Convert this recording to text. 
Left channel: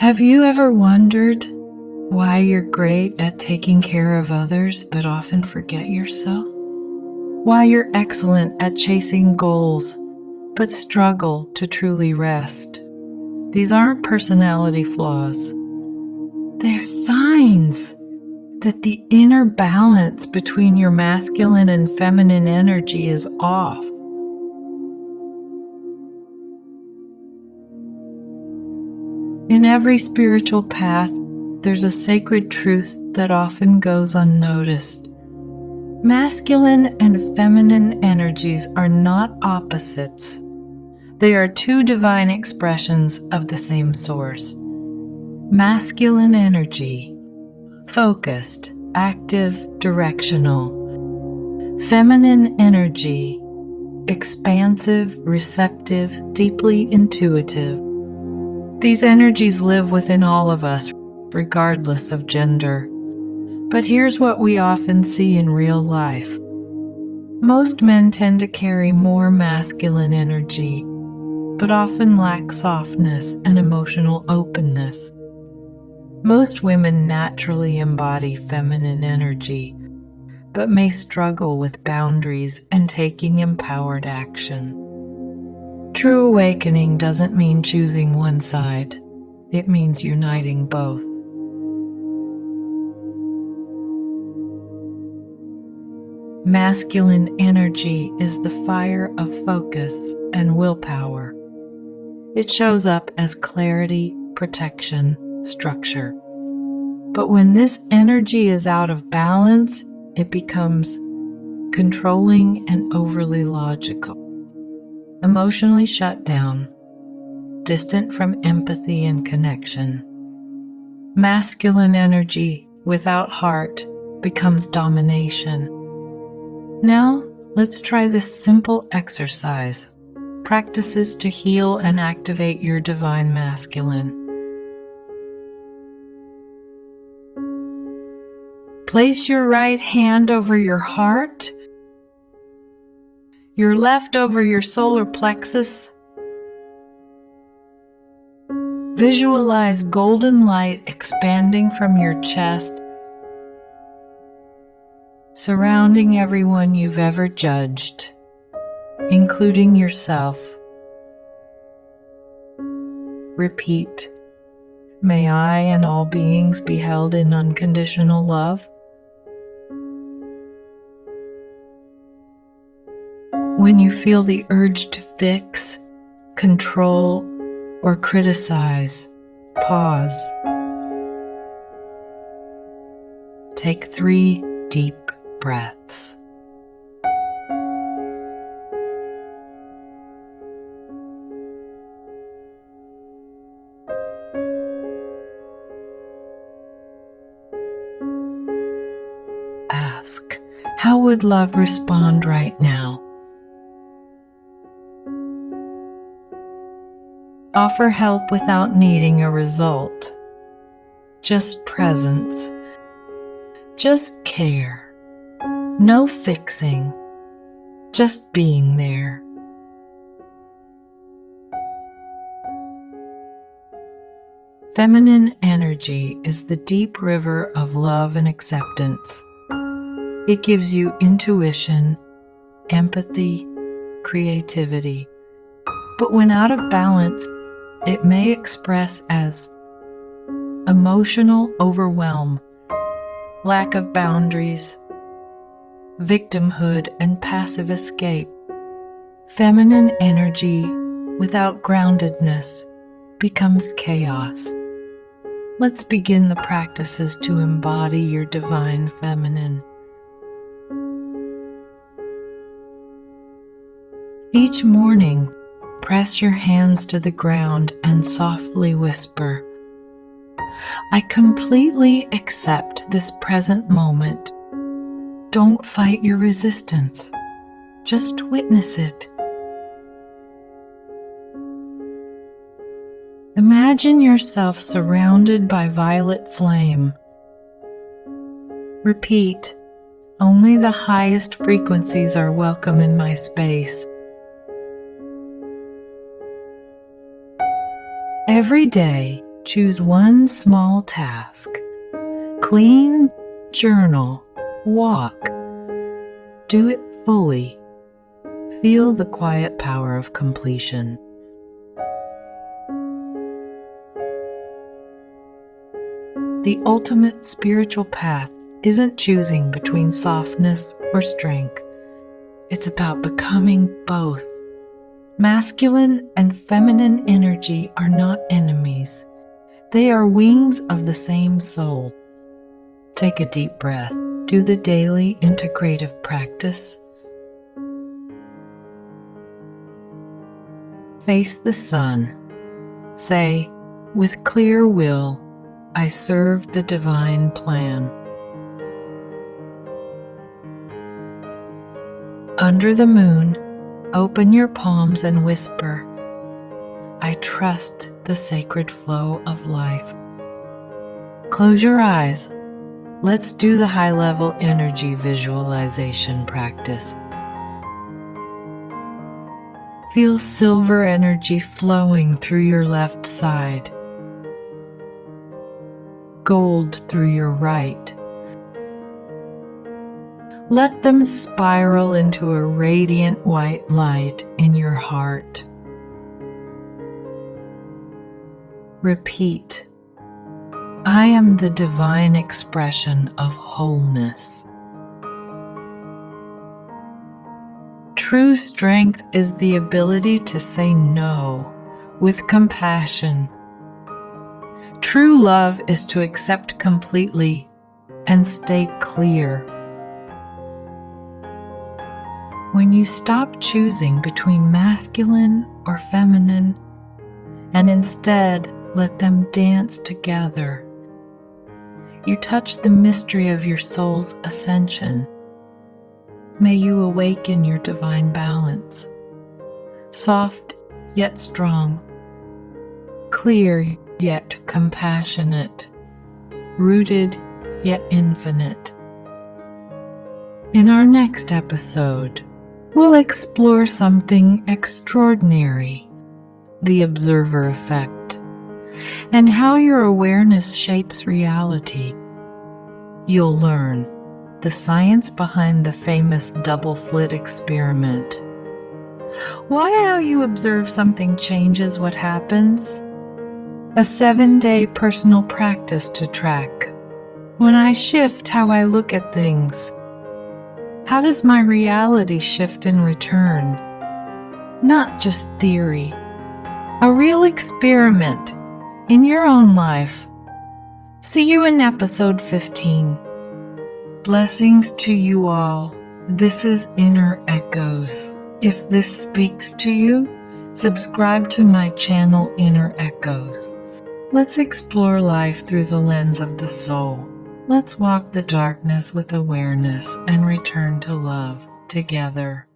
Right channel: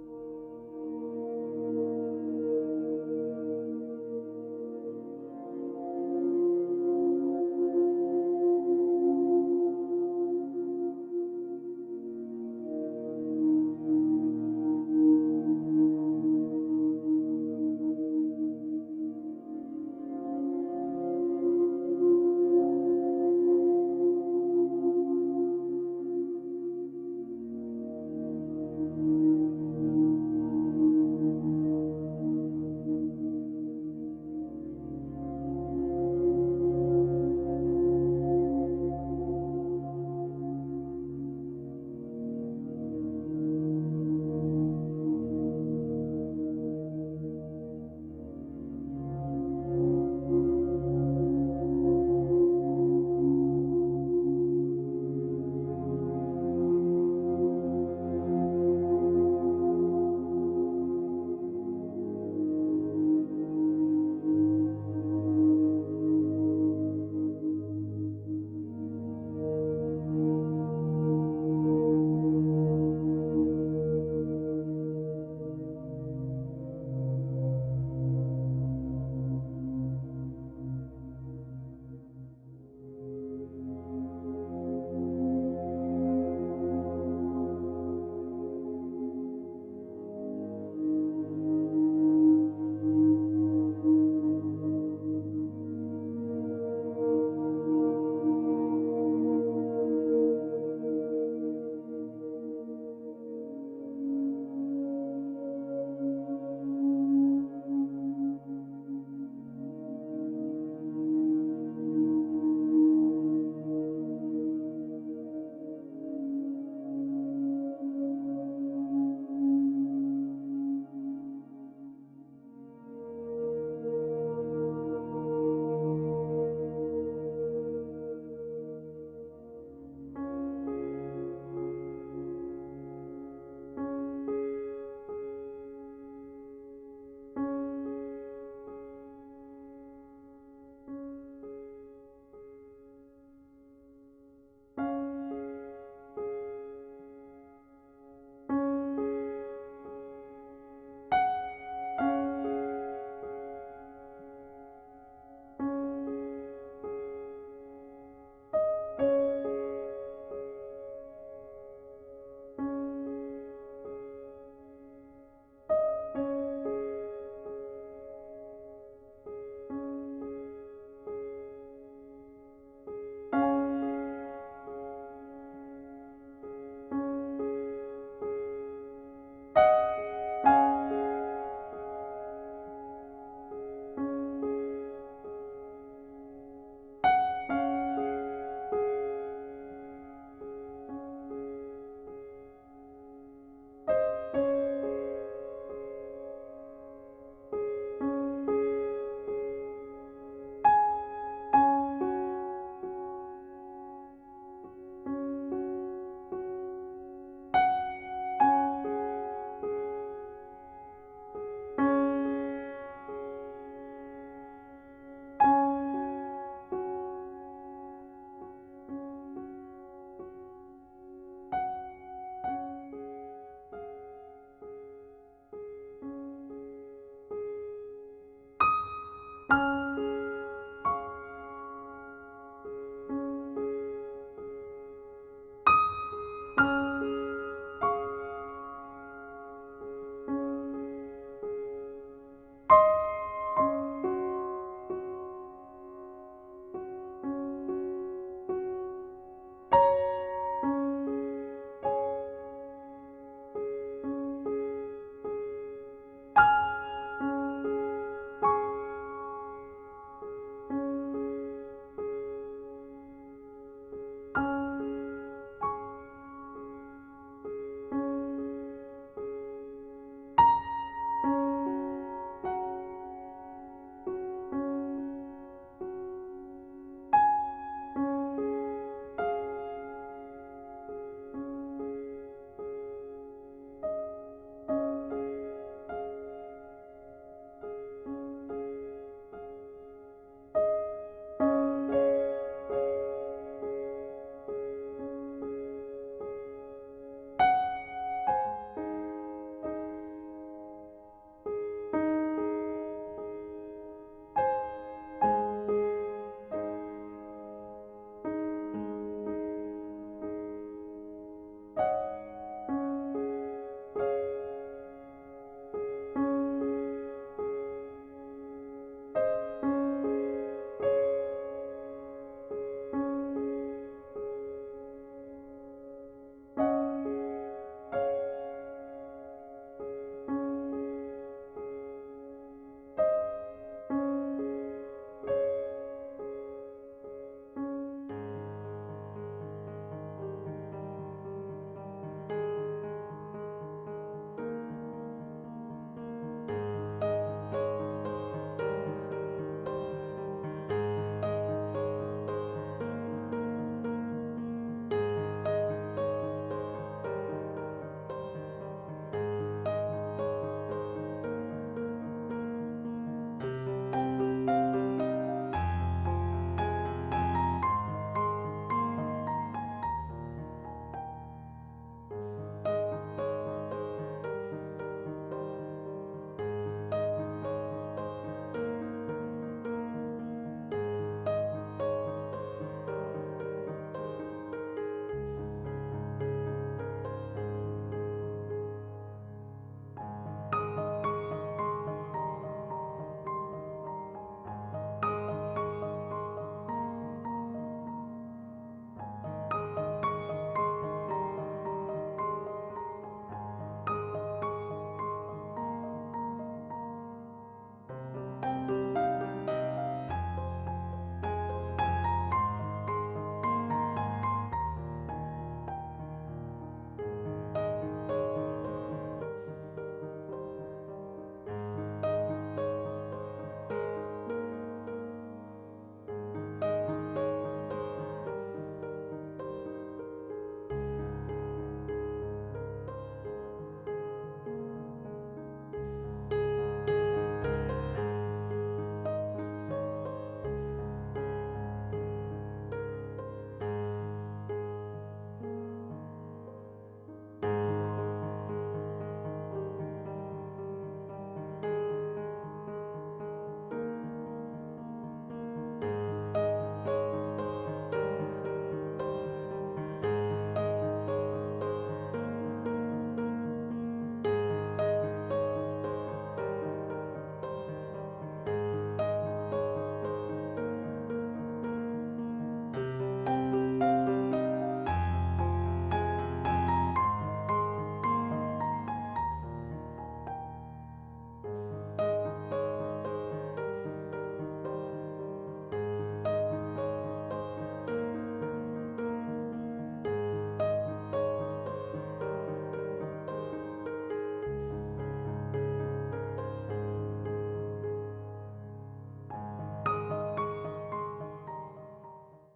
Have you ever wondered why you're great at taking care of others but often forget yourself? Why you're excellent at chasing goals but struggle to truly rest? These aren't personality flaws. They're signs that the inner balance between your masculine and feminine energy is off. In every spiritual path, there's a sacred truth that often goes unnoticed. Masculine and feminine energies are not opposites. They are two divine expressions of the same source. Masculine energy, focused, active, directional. Feminine energy, expansive, receptive, deeply intuitive. These energies live within all of us, regardless of gender. But here's what we often see in real life. Most men tend to carry more masculine energy, but often lack softness and emotional openness. Most women naturally embody feminine energy, but may struggle with boundaries and taking empowered action. True awakening doesn't mean choosing one side. It means uniting both. Masculine energy is the fire of focus and willpower. It shows up as clarity, protection, structure. But when this energy is out of balance, it becomes controlling and overly logical. Emotionally shut down, distant from empathy and connection. Masculine energy without heart becomes domination. Now, let's try this simple exercise. Practices to heal and activate your divine masculine. Place your right hand over your heart, your left over your solar plexus. Visualize golden light expanding from your chest, surrounding everyone you've ever judged, including yourself. Repeat, may I and all beings be held in unconditional love. When you feel the urge to fix, control, or criticize, pause. Take 3 deep breaths. Ask, how would love respond right now? Offer help without needing a result. Just presence. Just care. No fixing. Just being there. Feminine energy is the deep river of love and acceptance. It gives you intuition, empathy, creativity. But when out of balance, it may express as emotional overwhelm, lack of boundaries, victimhood, and passive escape. Feminine energy without groundedness becomes chaos. Let's begin the practices to embody your divine feminine. Each morning, press your hands to the ground and softly whisper, I completely accept this present moment. Don't fight your resistance. Just witness it. Imagine yourself surrounded by violet flame. Repeat, only the highest frequencies are welcome in my space. Every day, Choose one small task. Clean, journal, walk. Do it fully. Feel the quiet power of completion. The ultimate spiritual path isn't choosing between softness or strength. It's about becoming both. Masculine and feminine energy are not enemies. They are wings of the same soul. Take a deep breath. Do the daily integrative practice. Face the sun. Say, with clear will, I serve the divine plan. Under the moon, open your palms and whisper, I trust the sacred flow of life. Close your eyes. Let's do the high-level energy visualization practice. Feel silver energy flowing through your left side, gold through your right. Let them spiral into a radiant white light in your heart. Repeat, I am the divine expression of wholeness. True strength is the ability to say no with compassion. True love is to accept completely and stay clear. When you stop choosing between masculine or feminine and instead let them dance together, you touch the mystery of your soul's ascension. May you awaken your divine balance, soft yet strong, clear yet compassionate, rooted yet infinite. In our next episode, we'll explore something extraordinary, the observer effect, and how your awareness shapes reality. You'll learn the science behind the famous double-slit experiment. Why how you observe something changes what happens? A 7-day personal practice to track. When I shift how I look at things, how does my reality shift in return? Not just theory. A real experiment in your own life. See you in episode 15. Blessings to you all. This is Inner Echoes. If this speaks to you, subscribe to my channel Inner Echoes. Let's explore life through the lens of the soul. Let's walk the darkness with awareness and return to love together.